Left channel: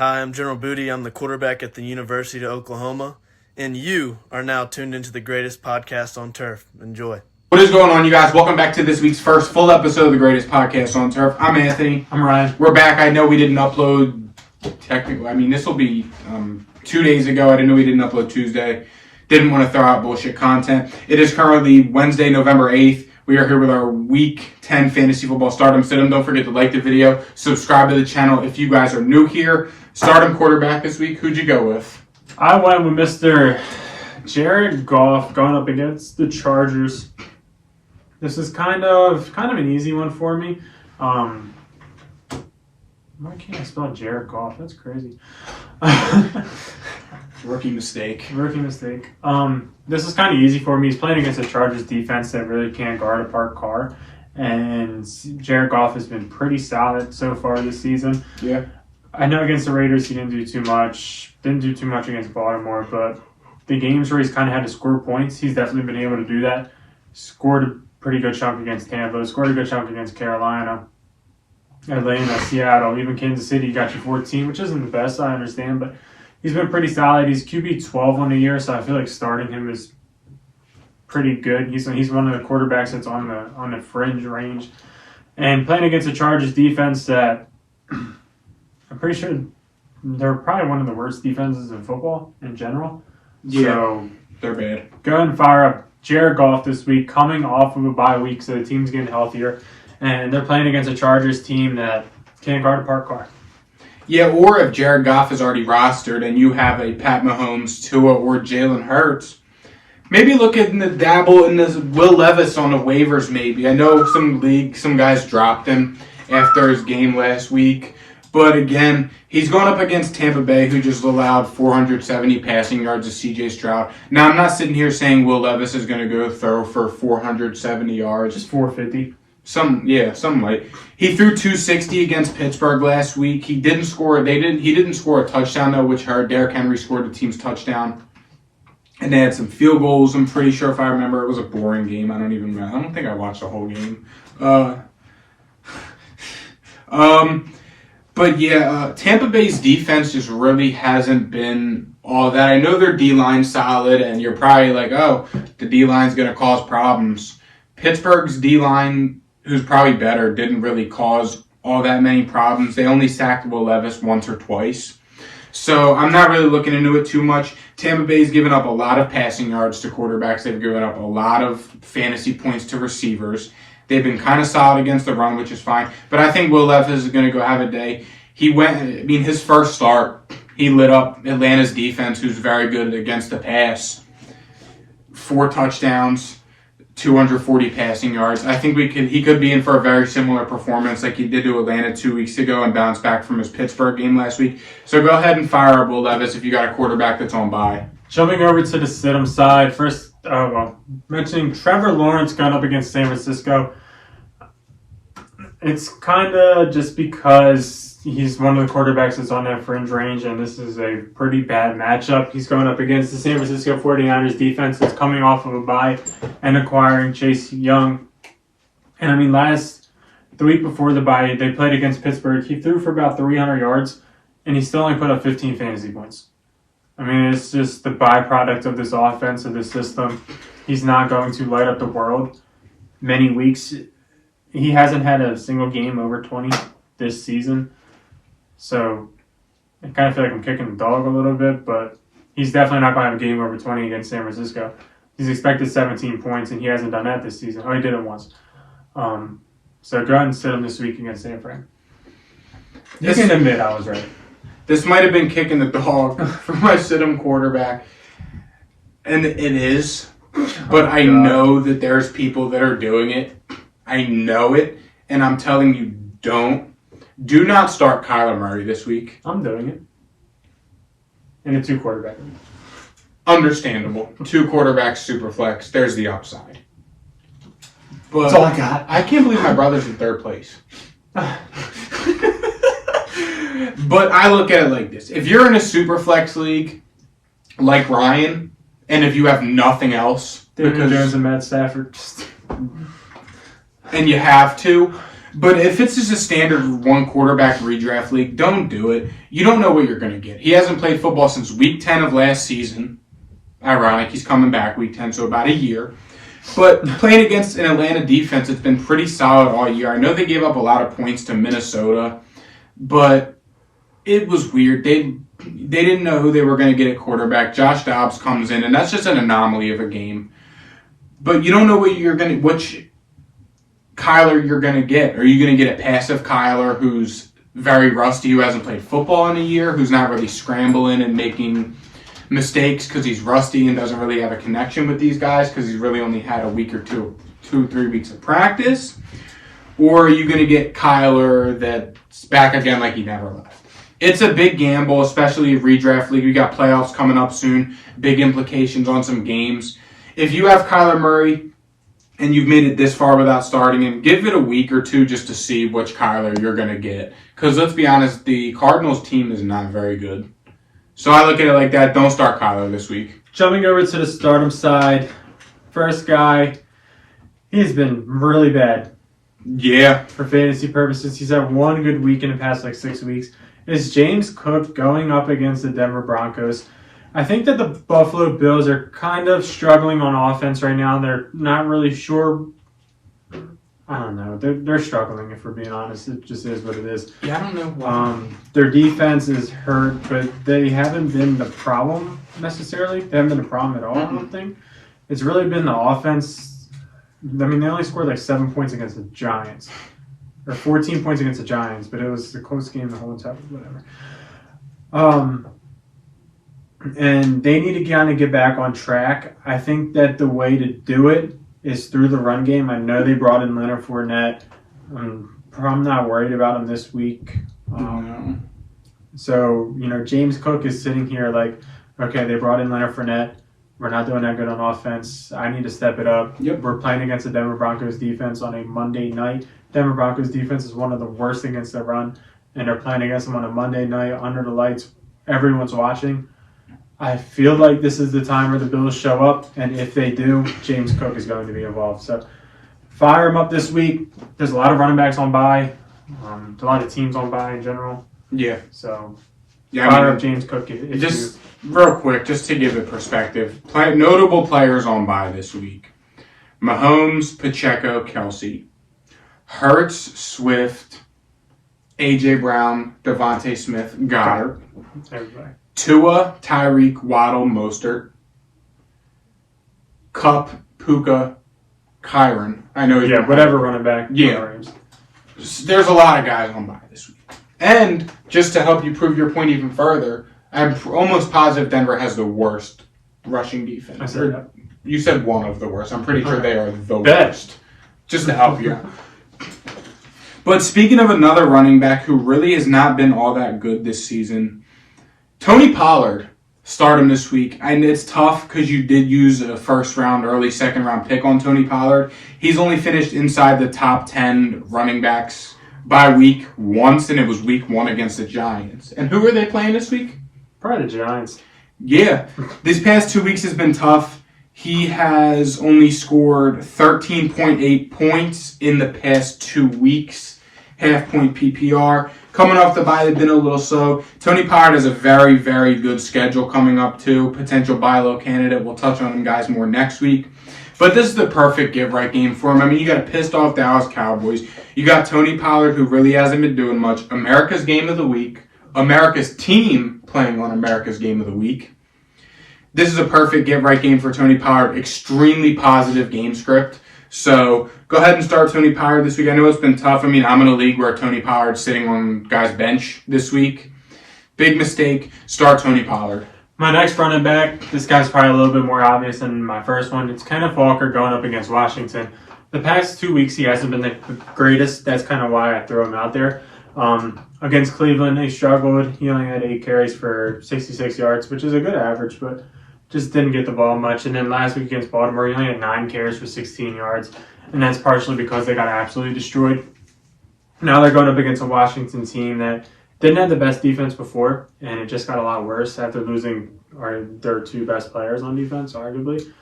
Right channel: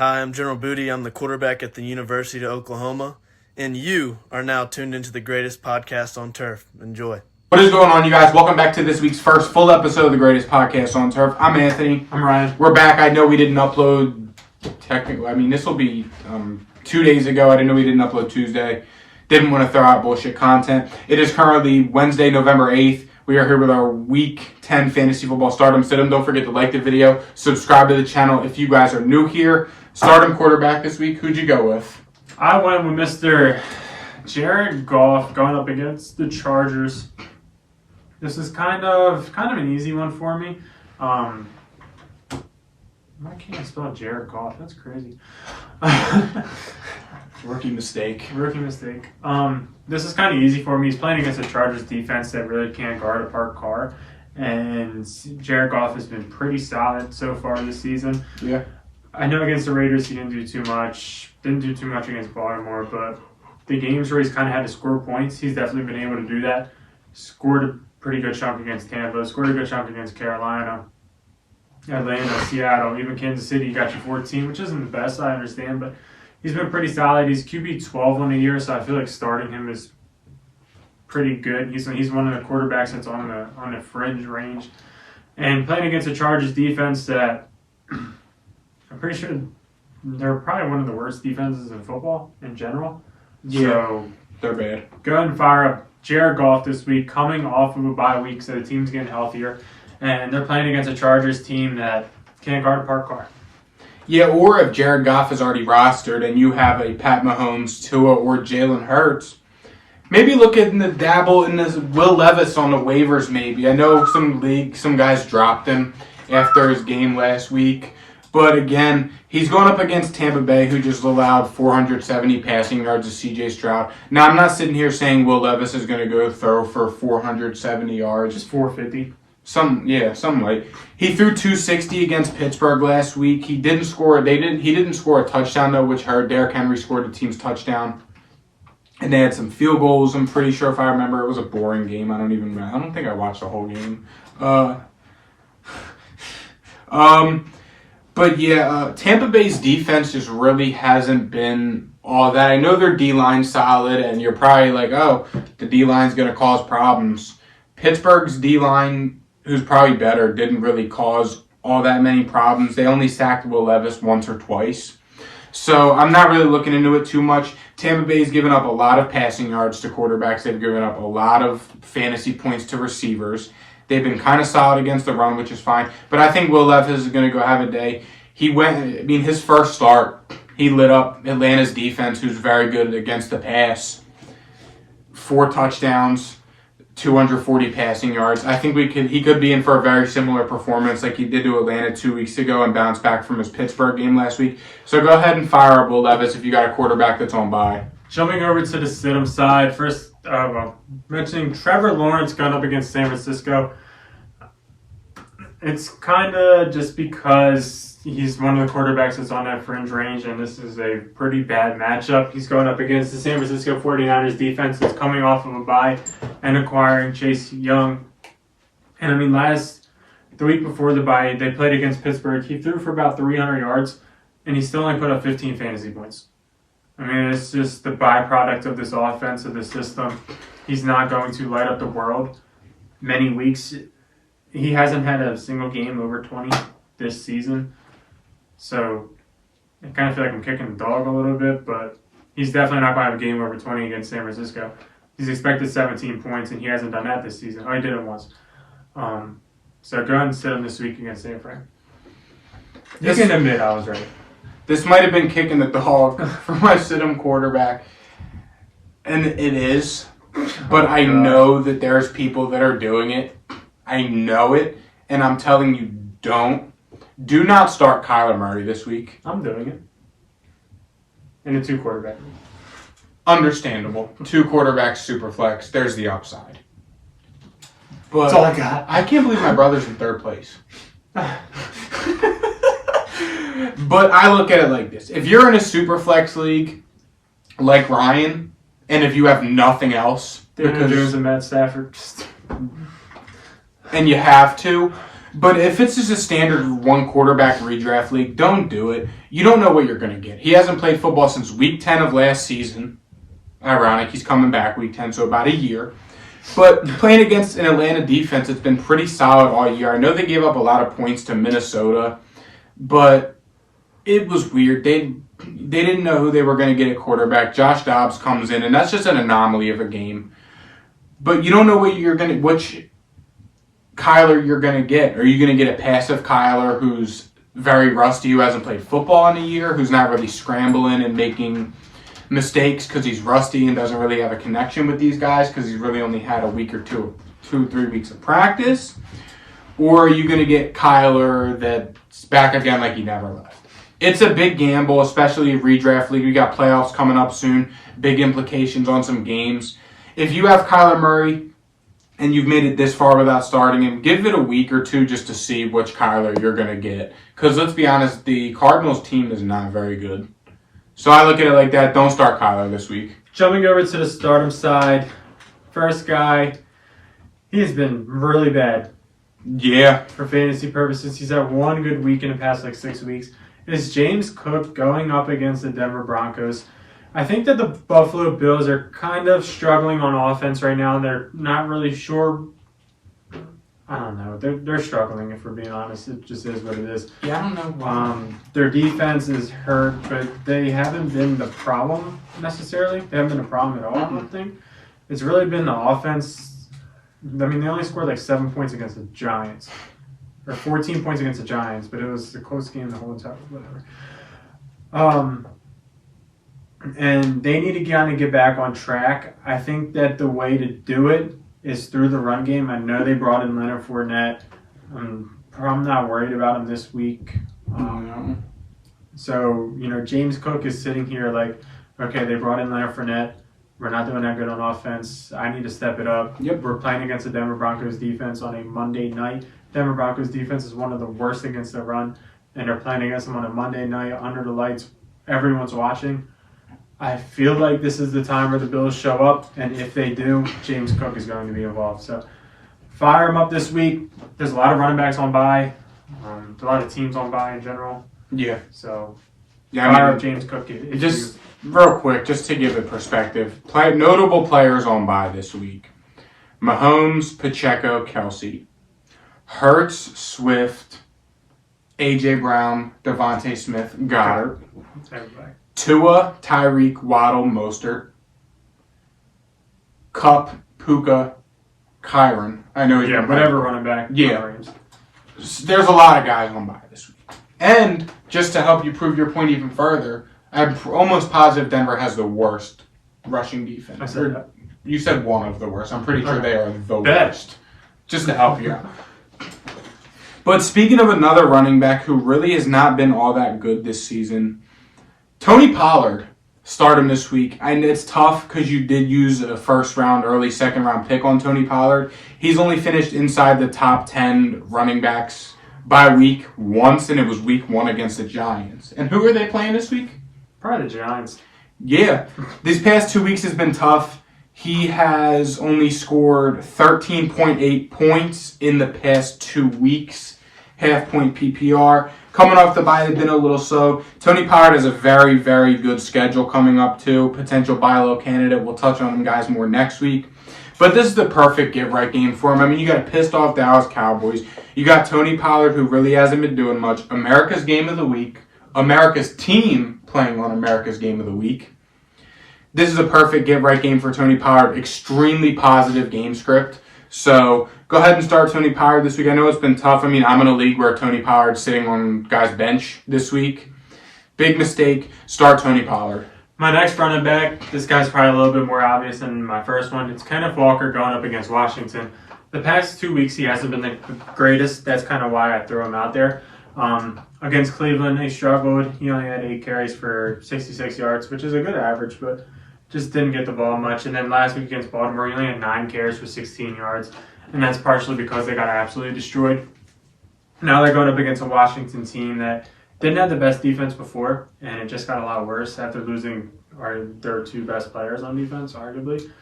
Hi, I'm General Booty. I'm the quarterback at the University of Oklahoma, and you are now tuned into the greatest podcast on turf. Enjoy. What is going on, you guys? Welcome back to this week's first full episode of the greatest podcast on turf. I'm Anthony. I'm Ryan. We're back. I know we didn't upload technically. This will be 2 days ago. I didn't know we didn't upload Tuesday. Didn't want to throw out bullshit content. It is currently Wednesday, November 8th. We are here with our Week 10 Fantasy Football Stardom Sit-em. Don't forget to like the video. Subscribe to the channel if you guys are new here. Starting quarterback this week, who'd you go with? I went with Mr. Jared Goff going up against the Chargers. This is kind of an easy one for me. Why can't I spell Jared Goff? That's crazy. Rookie mistake. This is kind of easy for me. He's playing against a Chargers defense that really can't guard a parked car. And Jared Goff has been pretty solid so far this season. Yeah. I know against the Raiders he didn't do too much. Didn't do too much against Baltimore, but the games where he's kind of had to score points, he's definitely been able to do that. Scored a pretty good chunk against Tampa. Scored a good chunk against Carolina, Atlanta, Seattle, even Kansas City. He got you 14, which isn't the best, I understand, but he's been pretty solid. He's QB 12 on the year, so I feel like starting him is pretty good. He's one of the quarterbacks that's on the fringe range, and playing against the Chargers defense that I'm pretty sure they're probably one of the worst defenses in football in general. Yeah, so they're bad. Go ahead and fire up Jared Goff this week, coming off of a bye week, so the team's getting healthier, and they're playing against a Chargers team that can't guard a parked car. Yeah, or if Jared Goff is already rostered and you have a Pat Mahomes, Tua, or Jalen Hurts, maybe look at the dabble in this Will Levis on the waivers maybe. I know some guys dropped him after his game last week. But again, he's going up against Tampa Bay, who just allowed 470 passing yards to C.J. Stroud. Now, I'm not sitting here saying Will Levis is going to go throw for 470 yards. Just 450. Some light. He threw 260 against Pittsburgh last week. He didn't score. He didn't score a touchdown though, which hurt. Derrick Henry scored the team's touchdown, and they had some field goals. I'm pretty sure if I remember, it was a boring game. I don't think I watched the whole game. But yeah, Tampa Bay's defense just really hasn't been all that. I know their D-line's solid, and you're probably like, oh, the D-line's going to cause problems. Pittsburgh's D-line, who's probably better, didn't really cause all that many problems. They only sacked Will Levis once or twice. So I'm not really looking into it too much. Tampa Bay's given up a lot of passing yards to quarterbacks. They've given up a lot of fantasy points to receivers. They've been kind of solid against the run, which is fine. But I think Will Levis is going to go have a day. His first start, he lit up Atlanta's defense, who's very good against the pass. 4 touchdowns, 240 passing yards. I think he could be in for a very similar performance like he did to Atlanta 2 weeks ago and bounce back from his Pittsburgh game last week. So go ahead and fire up Will Levis if you got a quarterback that's on bye. Jumping over to the sit-em side, first mentioning Trevor Lawrence going up against San Francisco. It's kind of just because he's one of the quarterbacks that's on that fringe range, and this is a pretty bad matchup. He's going up against the San Francisco 49ers defense that's coming off of a bye and acquiring Chase Young. And the week before the bye, they played against Pittsburgh. He threw for about 300 yards, and he still only put up 15 fantasy points. It's just the byproduct of this offense, of this system. He's not going to light up the world many weeks. He hasn't had a single game over 20 this season. So I kind of feel like I'm kicking the dog a little bit, but he's definitely not going to have a game over 20 against San Francisco. He's expected 17 points, and he hasn't done that this season. Oh, he did it once. So go ahead and sit him this week against San Fran. You can admit I was right. This might have been kicking the dog for my sit-em quarterback. And it is. But I know that there's people that are doing it. I know it. And I'm telling you, do not start Kyler Murray this week. I'm doing it. In a 2-quarterback league. Understandable. 2 quarterbacks, super flex. There's the upside. But that's all I got. I can't believe my brother's in 3rd place. But I look at it like this. If you're in a super flex league like Ryan, and if you have nothing else, Daniel Jones and Matt Stafford, and you have to, But if it's just a standard one quarterback redraft league, don't do it. You don't know what you're going to get. He hasn't played football since week 10 of last season. Ironic, he's coming back week 10, so about a year. But playing against an Atlanta defense, it's been pretty solid all year. I know they gave up a lot of points to Minnesota, but it was weird. They didn't know who they were going to get at quarterback. Josh Dobbs comes in, and that's just an anomaly of a game. But you don't know which Kyler you're going to get. Are you going to get a passive Kyler who's very rusty, who hasn't played football in a year, who's not really scrambling and making mistakes because he's rusty and doesn't really have a connection with these guys because he's really only had a week or 3 weeks of practice? Or are you going to get Kyler that's back again like he never left? It's a big gamble, especially redraft league. We got playoffs coming up soon, big implications on some games. If you have Kyler Murray and you've made it this far without starting him, give it a week or two just to see which Kyler you're going to get. Because let's be honest, the Cardinals team is not very good. So I look at it like that. Don't start Kyler this week. Jumping over to the stardom side, first guy, he's been really bad. Yeah. For fantasy purposes, he's had one good week in the past 6 weeks. It's James Cook going up against the Denver Broncos. I think that the Buffalo Bills are kind of struggling on offense right now, and they're not really sure. I don't know. They're struggling, if we're being honest. It just is what it is. Yeah, I don't know. Their defense is hurt, but they haven't been the problem necessarily. They haven't been a problem at all, I don't think. It's really been the offense. I mean, they only scored 7 points against the Giants. Or 14 points against the Giants, but it was a close game the whole time, whatever. And they need to kind of get back on track. I think that the way to do it is through the run game. I know they brought in Leonard Fournette. I'm not worried about him this week. So, James Cook is sitting here okay, they brought in Leonard Fournette. We're not doing that good on offense. I need to step it up. Yep. We're playing against the Denver Broncos defense on a Monday night. Denver Broncos defense is one of the worst against the run, and they're playing against them on a Monday night under the lights. Everyone's watching. I feel like this is the time where the Bills show up, and if they do, James Cook is going to be involved. So fire him up this week. There's a lot of running backs on bye. A lot of teams on bye in general. Yeah. So yeah, fire up James Cook. Real quick, just to give it perspective, notable players on bye this week. Mahomes, Pacheco, Kelsey. Hurts, Swift, A.J. Brown, Devontae Smith, Goddard. Everybody. Tua, Tyreek, Waddle, Mostert. Kupp, Puka, Kyron. I know. Yeah, whatever running back. Yeah. There's a lot of guys on bye this week. And just to help you prove your point even further, I'm almost positive Denver has the worst rushing defense. I said that. You said one of the worst. I'm pretty sure they are the worst. Just to help you out. But speaking of another running back who really has not been all that good this season, Tony Pollard. Start him this week. And it's tough because you did use a first-round, early second-round pick on Tony Pollard. He's only finished inside the top 10 running backs by week once, and it was week 1 against the Giants. And who are they playing this week? Probably the Giants. Yeah. These past 2 weeks has been tough. He has only scored 13.8 points in the past 2 weeks. Half-point PPR. Coming off the bye, they've been a little slow. Tony Pollard has a very, very good schedule coming up, too. Potential buy low candidate. We'll touch on him, guys, more next week. But this is the perfect get-right game for him. I mean, you got a pissed-off Dallas Cowboys. You got Tony Pollard, who really hasn't been doing much. America's Game of the Week. America's team playing on America's Game of the Week. This is a perfect get-right game for Tony Pollard. Extremely positive game script. So go ahead and start Tony Pollard this week. I know it's been tough. I mean, I'm in a league where Tony Pollard's sitting on guys' bench this week. Big mistake. Start Tony Pollard. My next running back, this guy's probably a little bit more obvious than my first one. It's Kenneth Walker going up against Washington. The past 2 weeks, he hasn't been the greatest. That's kind of why I threw him out there. Against Cleveland, they struggled. He only had 8 carries for 66 yards, which is a good average, but just didn't get the ball much. And then last week against Baltimore, he only had 9 carries for 16 yards. And that's partially because they got absolutely destroyed. Now they're going up against a Washington team that didn't have the best defense before, and it just got a lot worse after losing their 2 best players on defense, arguably.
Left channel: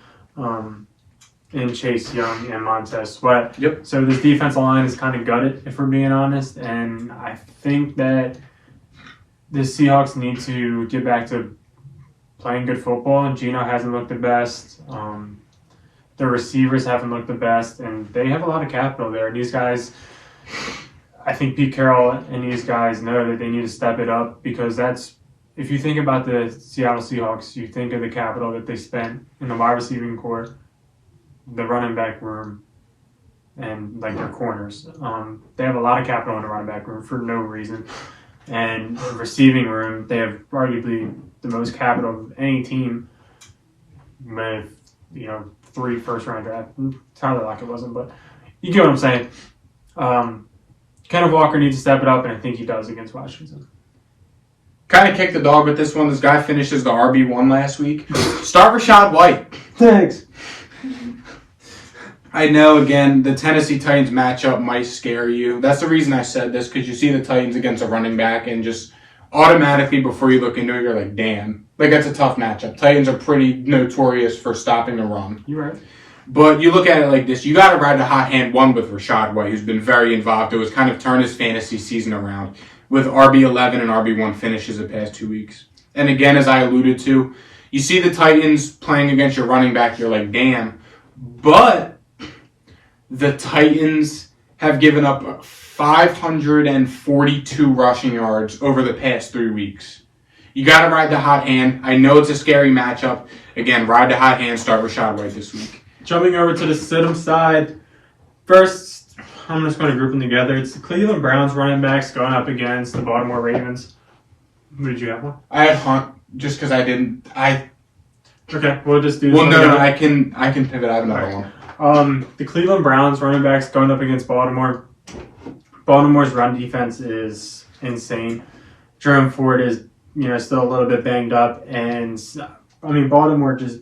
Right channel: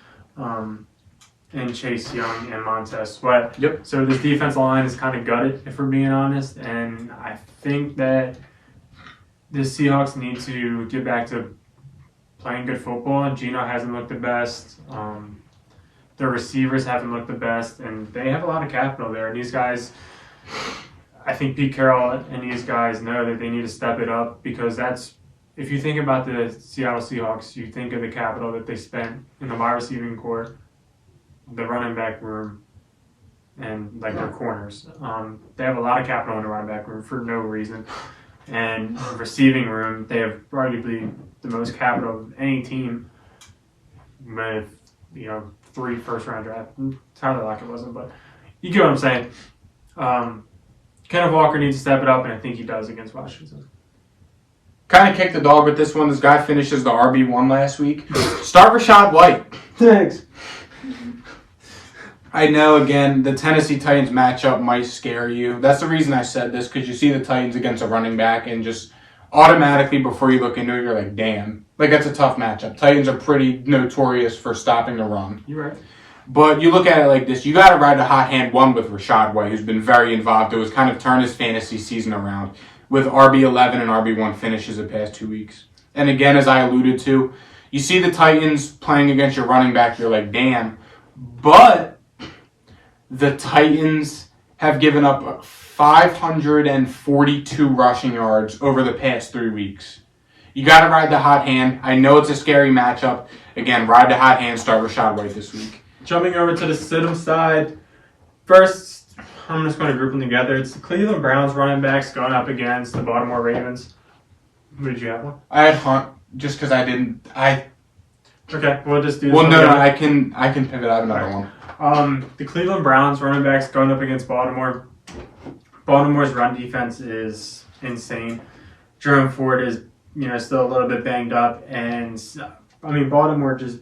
in Chase Young and Montez Sweat. Yep. So this defensive line is kind of gutted, if we're being honest. And I think that the Seahawks need to get back to playing good football. Geno hasn't looked the best. The receivers haven't looked the best. And they have a lot of capital there. And these guys, I think Pete Carroll and these guys know that they need to step it up, because that's, if you think about the Seattle Seahawks, you think of the capital that they spent in the wide receiving corps, the running back room, and like their corners. They have a lot of capital in the running back room for no reason. And the receiving room, they have arguably the most capital of any team with, 3 first-round draft. Tyler Lockett wasn't, but you get what I'm saying. Kenneth Walker needs to step it up, and I think he does against Washington. Kind of kicked the dog with this one. This guy finishes the RB1 last week. Start Rachaad White. Thanks. I know, again, the Tennessee Titans matchup might scare you. That's the reason I said this, because you see the Titans against a running back, and just automatically before you look into it, you're like, damn. Like, that's a tough matchup. Titans are pretty notorious for stopping the run. You're right. But you look at it like this. You got to ride the hot hand one with Rachaad White, who's been very involved. It was kind of turned his fantasy season around with RB11 and RB1 finishes the past 2 weeks. And again, as I alluded to, you see the Titans playing against your running back, you're like, damn. But the Titans have given up 542 rushing yards over the past 3 weeks. You got to ride the hot hand. I know it's a scary matchup. Again, ride the hot hand, start Rachaad White this week. Jumping over to the Stidham side, first, I'm just going to group them together. It's the Cleveland Browns running backs going up against the Baltimore Ravens. Who did you have one? I had Hunt just because I didn't. Okay, we'll just do this. Well, one no, together. I can pivot. I have another one. The Cleveland Browns running backs going up against Baltimore. Baltimore's run defense is insane. Jerome Ford is, still a little bit banged up, and Baltimore just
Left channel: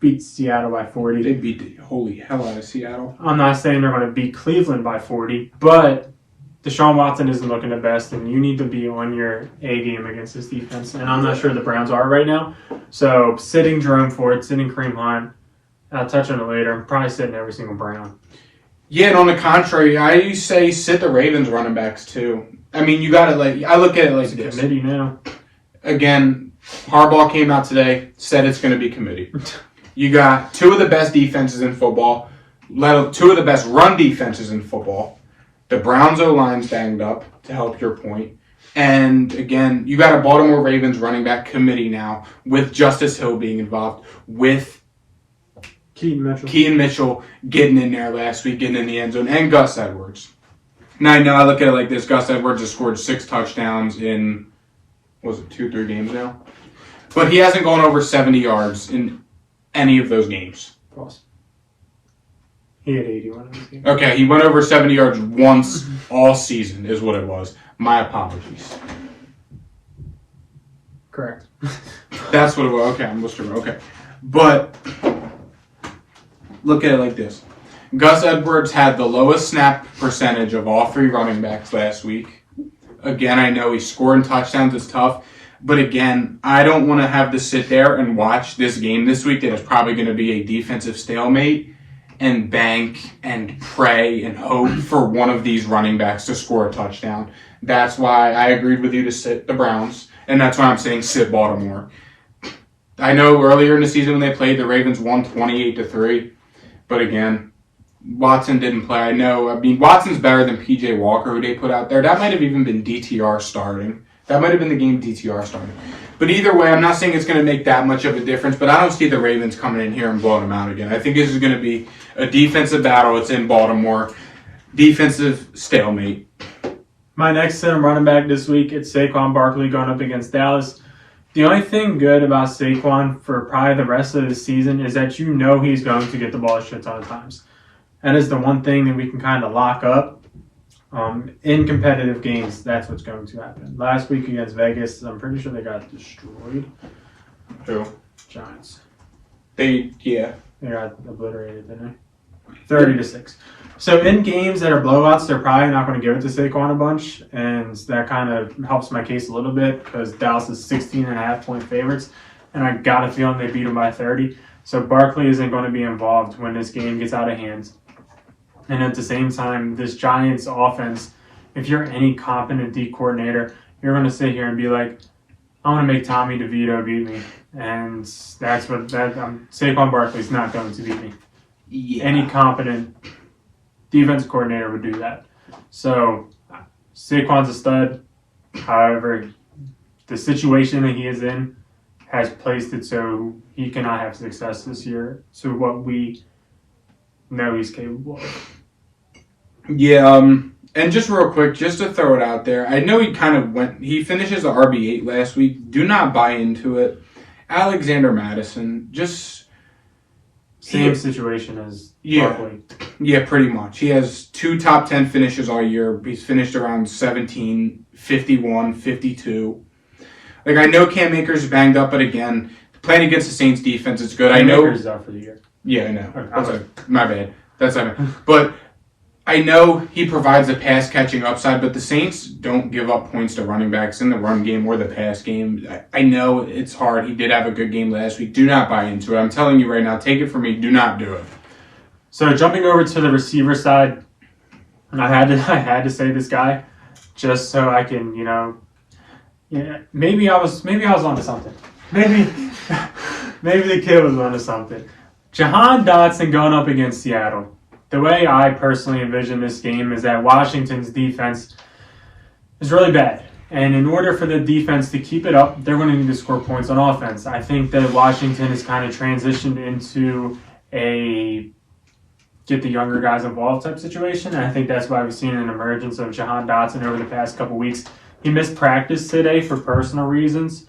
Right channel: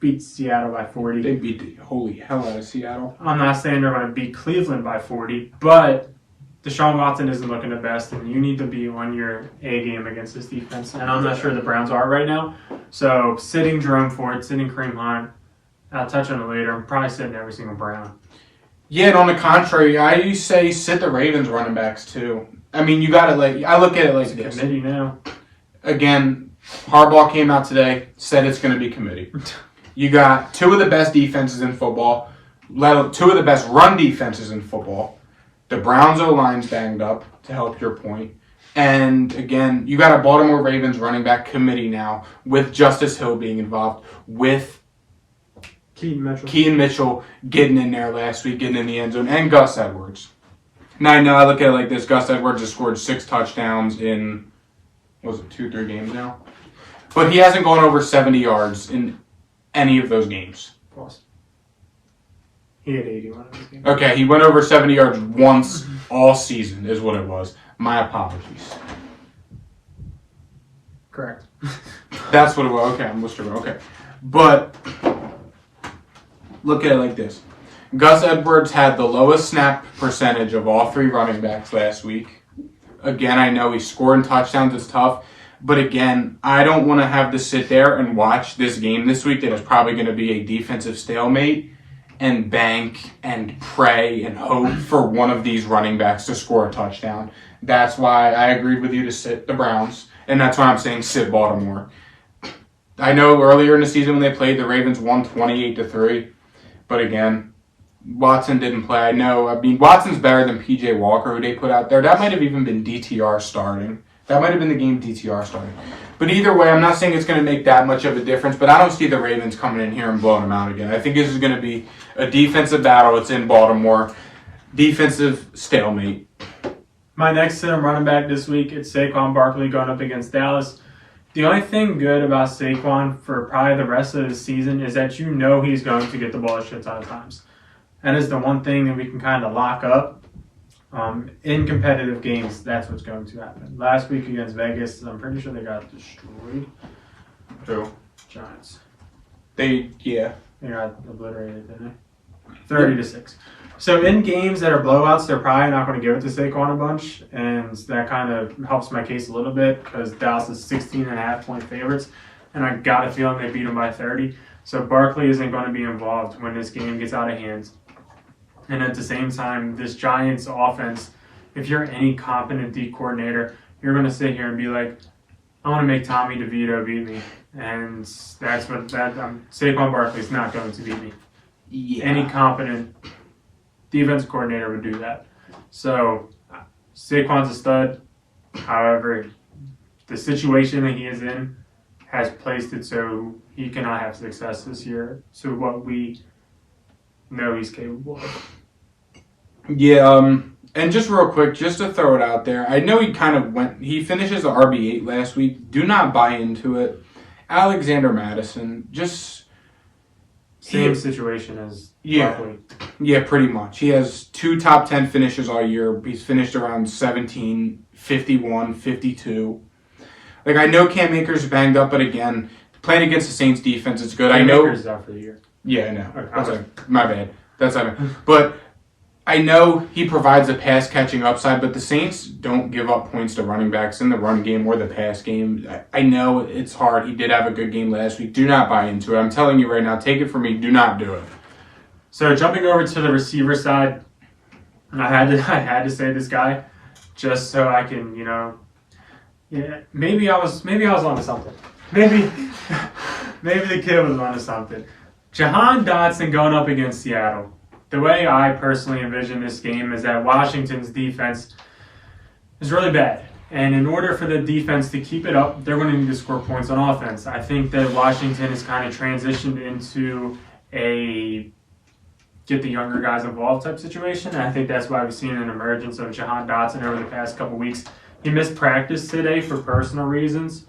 beat Seattle by 40. They beat the holy hell out of Seattle. I'm not saying they're going to beat Cleveland by 40, but Deshaun Watson isn't looking the best, and you need to be on your A game against this defense. And I'm not sure the Browns are right now. So sitting Jerome Ford, sitting Kareem Hunt, I'll touch on it later. I'm probably sitting every single Brown. Yeah, and on the contrary, I say sit the Ravens running backs too. You got to I look at it like this. Committee now. Again, Harbaugh came out today, said it's going to be committee. You got 2 of the best defenses in football, 2 of the best run defenses in football. The Browns O-line's banged up, to help your point. And again, you got a Baltimore Ravens running back committee now, with Justice Hill being involved, with Keaton Mitchell getting in there last week, getting in the end zone, and Gus Edwards. Now, I know I look at it like this. Gus Edwards has scored 6 touchdowns in, 2-3 games now? But he hasn't gone over 70 yards in any of those games. Pause. He had 81 in this game. Okay, he went over 70 yards once all season is what it was. My apologies. Correct. That's what it was. Okay, I'm listening. Okay. But look at it like this. Gus Edwards had the lowest snap percentage of all 3 running backs last week. Again, I know he's scoring touchdowns. It's tough. But again, I don't want to have to sit there and watch this game this week that is probably going to be a defensive stalemate and bank and pray and hope for one of these running backs to score a touchdown. That's why I agreed with you to sit the Browns, and that's why I'm saying sit Baltimore. I know earlier in the season when they played, the Ravens won 28-3, but again, Watson didn't play. I know, Watson's better than P.J. Walker, who they put out there. That might have even been DTR starting. That might have been the game DTR started. But either way, I'm not saying it's going to make that much of a difference, but I don't see the Ravens coming in here and blowing them out again. I think this is going to be a defensive battle. It's in Baltimore. Defensive stalemate. My next center running back this week, it's Saquon Barkley going up against Dallas. The only thing good about Saquon for probably the rest of the season is that you know he's going to get the ball a shit ton of times. That is the one thing that we can kind of lock up. In competitive games, that's what's going to happen. Last week against Vegas, I'm pretty sure they got destroyed. Who? Giants. They got obliterated, didn't they? 30-6. So in games that are blowouts, they're probably not going to give it to Saquon a bunch, and that kind of helps my case a little bit because Dallas is 16.5-point favorites, and I got a feeling they beat them by 30. So Barkley isn't going to be involved when this game gets out of hand. And at the same time, this Giants offense, if you're any competent D coordinator, you're going to sit here and be like, I want to make Tommy DeVito beat me. And that's what Saquon Barkley's not going to beat me. Yeah. Any competent defense coordinator would do that. So Saquon's a stud. However, the situation that he is in has placed it so he cannot have success this year. So what we know he's capable of. Yeah, and just real quick, just to throw it out there, I know he finishes the RB8 last week. Do not buy into it. Alexander Madison, Same situation as Yeah. Barkley. Yeah, pretty much. He has 2 top 10 finishes all year. He's finished around 17, 51, 52. Like, I know Cam Akers is banged up, but again, playing against the Saints defense is good. I know. Akers is out for the year. Yeah, I know. Okay. My bad. That's I mean. But I know he provides a pass catching upside, but the Saints don't give up points to running backs in the run game or the pass game. I know it's hard. He did have a good game last week. Do not buy into it. I'm telling you right now, take it from me. Do not do it. So jumping over to the receiver side, and I had to say this guy just so I can, maybe I was onto something. Maybe the kid was onto something. Jahan Dotson going up against Seattle. The way I personally envision this game is that Washington's defense is really bad. And in order for the defense to keep it up, they're going to need to score points on offense. I think that Washington has kind of transitioned into a get the younger guys involved type situation. And I think that's why we've seen an emergence of Jahan Dotson over the past couple weeks. He missed practice today for personal reasons.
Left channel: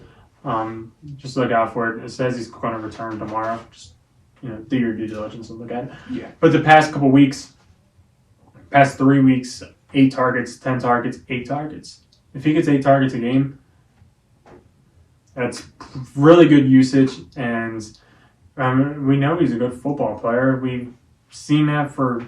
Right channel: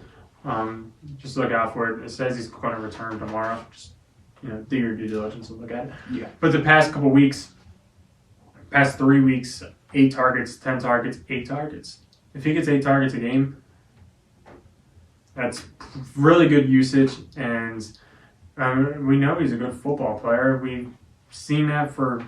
Just look out for it. It says he's going to return tomorrow. Just do your due diligence and look at it. Yeah. But the past 3 weeks, 8 targets, 10 targets, 8 targets. If he gets 8 targets a game, that's really good usage. And we know he's a good football player. We've seen that for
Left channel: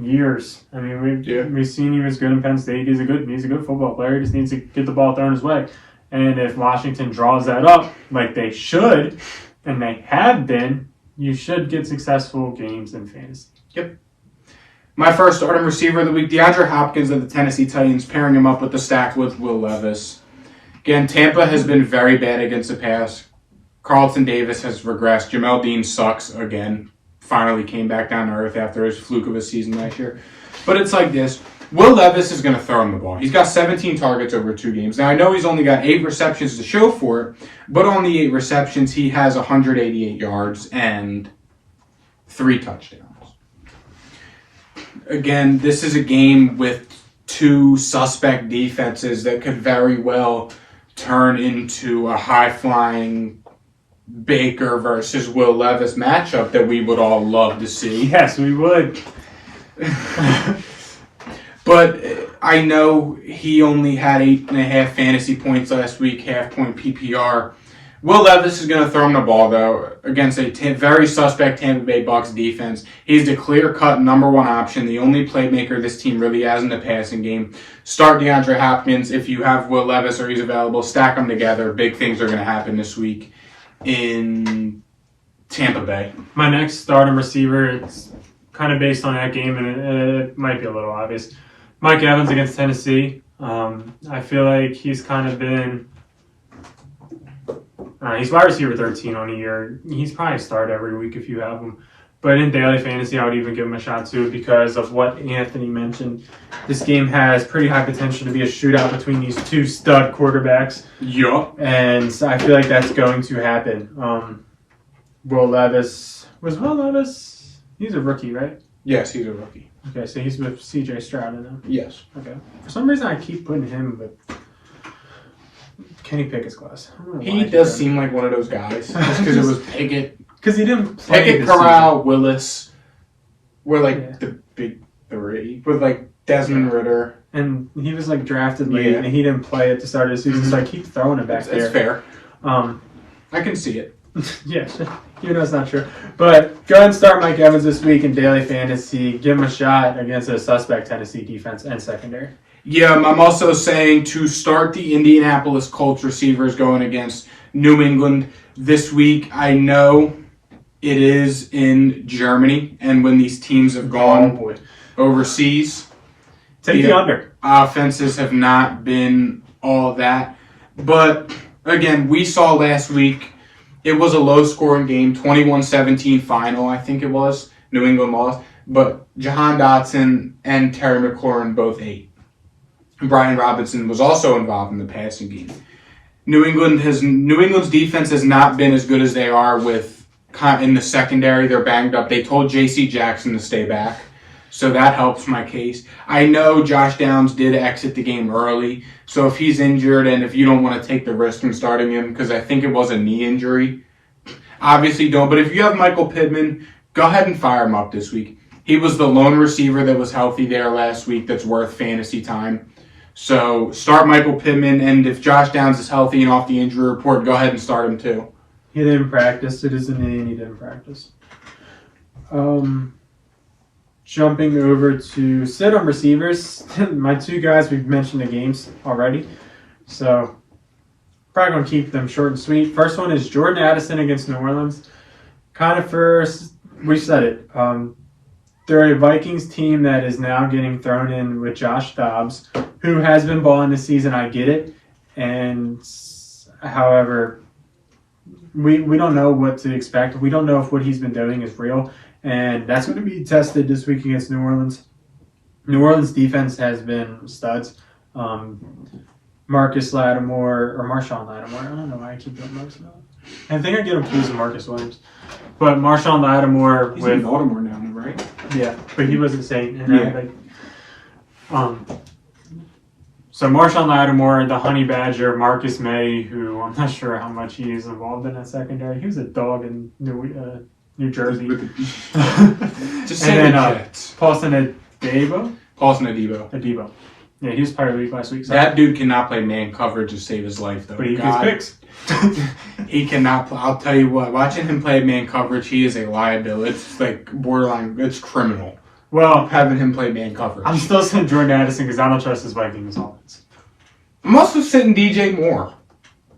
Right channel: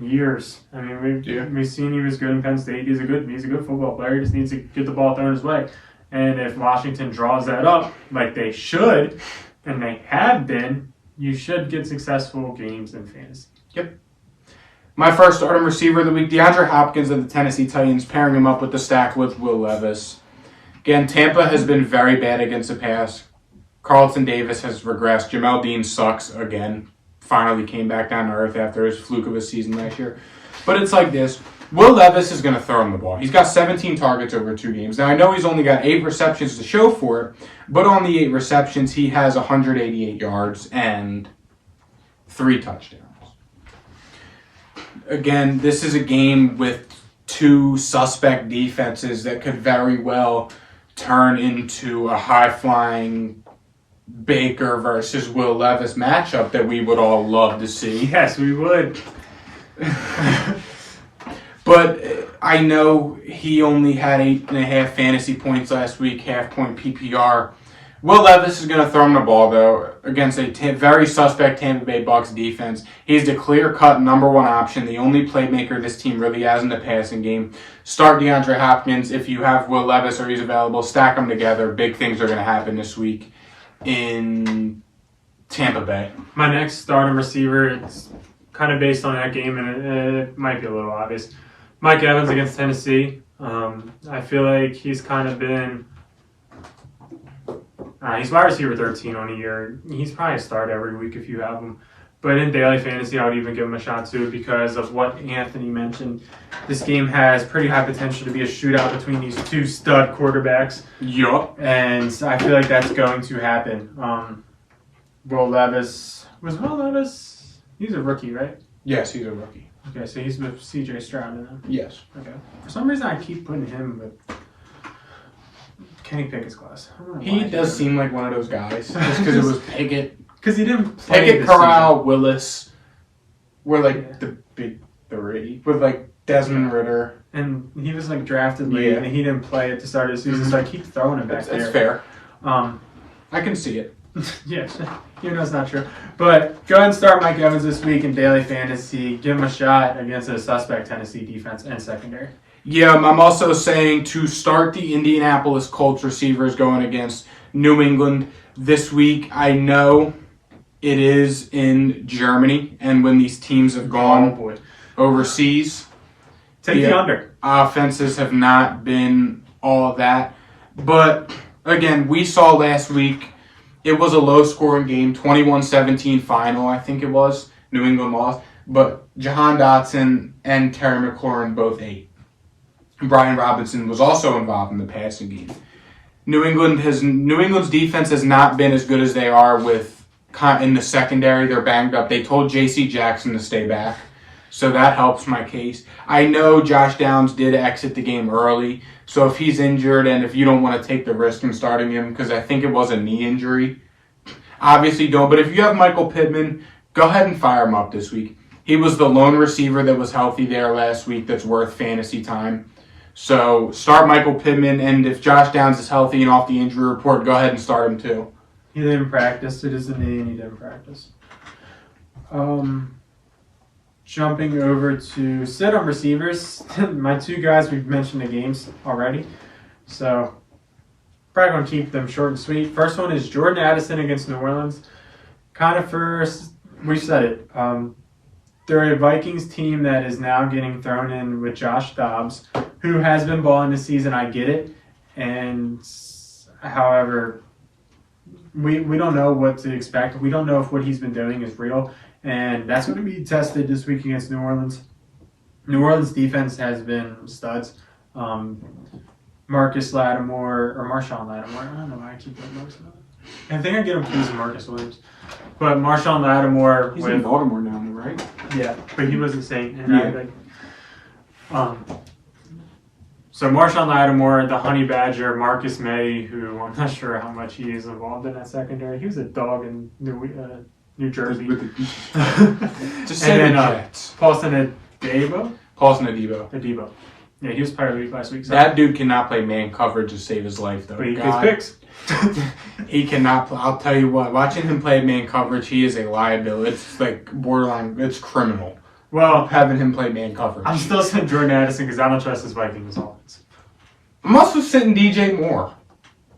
years. I mean, we've seen he was good in Penn State. He's a good football player. He just needs to get the ball thrown his way. And if Washington draws that up like they should, and they have been, you should get successful games in fantasy. Yep. My first starting receiver of the week, DeAndre Hopkins of the Tennessee Titans, pairing him up with the stack with Will Levis. Again, Tampa has been very bad against the pass. Carlton Davis has regressed. Jamel Dean sucks again. Finally came back down to earth after his fluke of a season last year. But it's like this. Will Levis is going to throw him the ball. He's got 17 targets over 2 games. Now, I know he's only got 8 receptions to show for it, but on the 8 receptions, he has 188 yards and 3 touchdowns. Again, this is a game with 2 suspect defenses that could very well turn into a high-flying Baker versus Will Levis matchup that we would all love to see. Yes, we would. But I know he only had 8.5 fantasy points last week, half-point PPR. Will Levis is going to throw him the ball, though, against a very suspect Tampa Bay Bucks defense. He's the clear-cut number 1 option, the only playmaker this team really has in the passing game. Start DeAndre Hopkins. If you have Will Levis or he's available, stack them together. Big things are going to happen this week in Tampa Bay. My next starting receiver, it's kind of based on that game, and it might be a little obvious. Mike Evans against Tennessee. I feel like he's kind of been... he's wide receiver 13 on the year. He's probably a start every week if you have him. But in daily fantasy, I would even give him a shot too because of what Anthony mentioned. This game has pretty high potential to be a shootout between these 2 stud quarterbacks. Yup. And I feel like that's going to happen. Will Levis... Was Will Levis... He's a rookie, right? Yes, he's a rookie. Okay, so he's with C.J. Stroud now. Yes. Okay. For some reason, I keep putting him with Kenny Pickett's class. He does seem like one of those guys. Just because it was Pickett. Because he didn't play Pickett, this Corral, season. Willis were like the big 3. With like Desmond Ritter. And he was like drafted late, Yeah. and he didn't play at the start of the season, so I keep throwing it back there. That's fair. I can see it. Yeah, it's not true. But go ahead and start Mike Evans this week in daily fantasy. Give him a shot against a suspect Tennessee defense and secondary. Yeah, I'm also saying to start the Indianapolis Colts receivers going against New England this week. I know it is in Germany, and when these teams have Oh, gone boy. overseas, Take the under. offenses have not been all that. But again, we saw last week it was a low-scoring game, 21-17 final, I think it was. New England lost. But Jahan Dotson and Terry McLaurin both ate. Brian Robinson was also involved in the passing game. New England's defense has not been as good as they are with in the secondary. They're banged up. They told J.C. Jackson to stay back, so that helps my case. I know Josh Downs did exit the game early, so if he's injured and if you don't want to take the risk in starting him, because I think it was a knee injury, obviously don't. But if you have Michael Pittman, go ahead and fire him up this week. He was the lone receiver that was healthy there last week that's worth fantasy time. So start Michael Pittman, and if Josh Downs is healthy and off the injury report, go ahead and start him too. He didn't practice. It is a knee and he didn't practice. Jumping over to sit-on receivers. My two guys, we've mentioned the games already. So probably going to keep them short and sweet. First one is Jordan Addison against New Orleans. Kind of first, we said it. They're a Vikings team that is now getting thrown in with Josh Dobbs, who has been balling this season. I get it. And however, we don't know what to expect. We don't know if what he's been doing is real. And that's going to be tested this week against New Orleans. New Orleans defense has been studs. Marcus Lattimore, or Marshawn Lattimore. I don't know why I keep doing Marcus Lattimore. I think I get him confused with Marcus Williams. But Marshawn Lattimore He's in Baltimore now, right? Yeah, but he wasn't saying. And so Marshawn Lattimore, the Honey Badger, Marcus May, who I'm not sure how much he is involved in that secondary. He was a dog in New Jersey. Just and then Paulson Adebo. Adebo. Yeah, he was part of the week last week. So. That dude cannot play man coverage to save his life, though. But he gets picks. He cannot. I'll tell you what. Watching him play man coverage, he is a liability. It's like borderline. It's criminal. Well, having him play man coverage. I'm still sitting Jordan Addison because I don't trust his Vikings offense. I'm also sitting DJ Moore.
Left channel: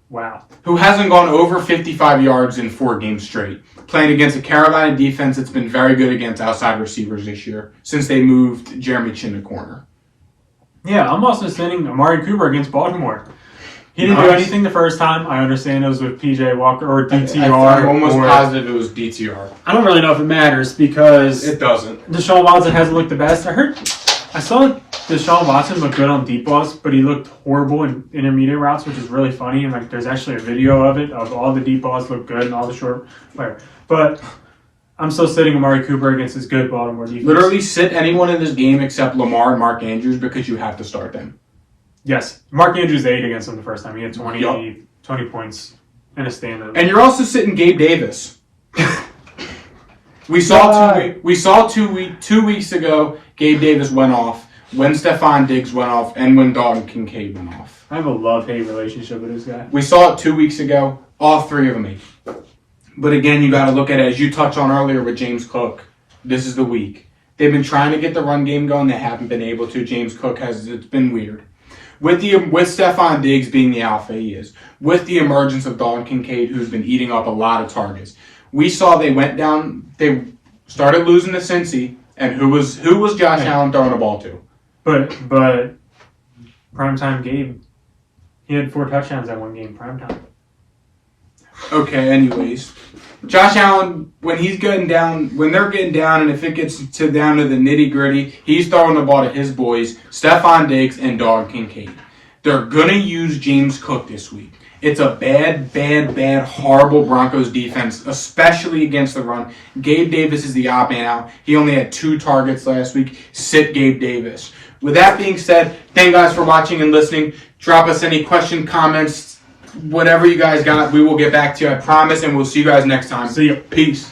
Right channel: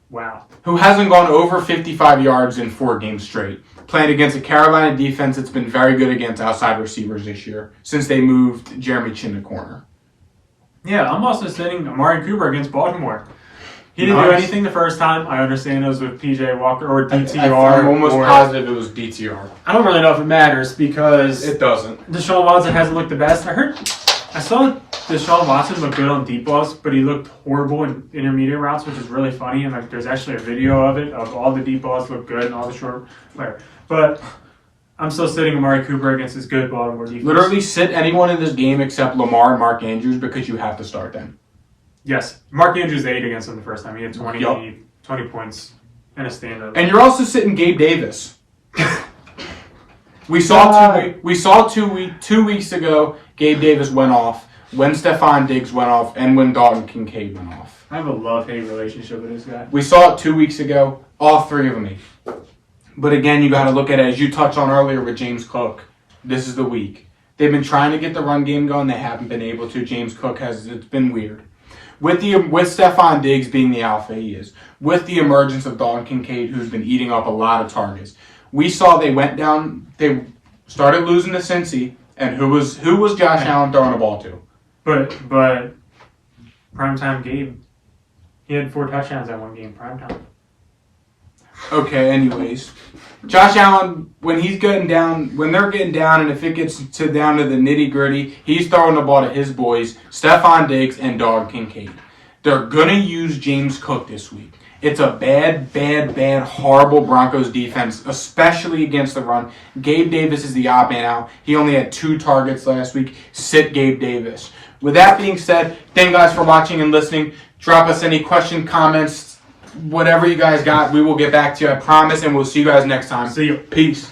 Wow. Who hasn't gone over 55 yards in 4 games straight. Playing against a Carolina defense that's been very good against outside receivers this year since they moved Jeremy Chin to corner. Yeah, I'm also sitting Amari Cooper against Baltimore. He didn't do anything the first time. I understand it was with PJ Walker or DTR. I'm almost positive it was DTR. I don't really know if it matters because it doesn't. Deshaun Watson hasn't looked the best. I saw Deshaun Watson look good on deep balls, but he looked horrible in intermediate routes, which is really funny. And there's actually a video of it of all the deep balls look good and all the short whatever. But I'm still sitting Amari Cooper against his good Baltimore defense. Literally sit anyone in this game except Lamar and Mark Andrews because you have to start them. Yes. Mark Andrews ate against him the first time. He had 20 points in a standard. And you're also sitting Gabe Davis. We saw 2 weeks ago Gabe Davis went off, when Stephon Diggs went off, and when Dalton Kincaid went off. I have a love-hate relationship with this guy. We saw it 2 weeks ago. All 3 of them ate. But again, you got to look at it, as you touched on earlier with James Cook. This is the week. They've been trying to get the run game going. They haven't been able to. James Cook it's been weird. With Stephon Diggs being the alpha he is, with the emergence of Dalton Kincaid, who's been eating up a lot of targets, we saw they went down. They started losing to Cincy, and who was Josh Allen throwing the ball to? But primetime Gabe, he had 4 touchdowns that one game primetime. Okay, anyways. Josh Allen, when they're getting down, and if it gets down to the nitty-gritty, he's throwing the ball to his boys, Stephon Diggs and Dalton Kincaid. They're going to use James Cook this week. It's a bad, horrible Broncos defense, especially against the run. Gabe Davis is the odd man out. He only had 2 targets last week. Sit Gabe Davis. With that being said, thank you guys for watching and listening. Drop us any questions, comments, whatever you guys got. We will get back to you, I promise, and we'll see you guys next time. See you. Peace.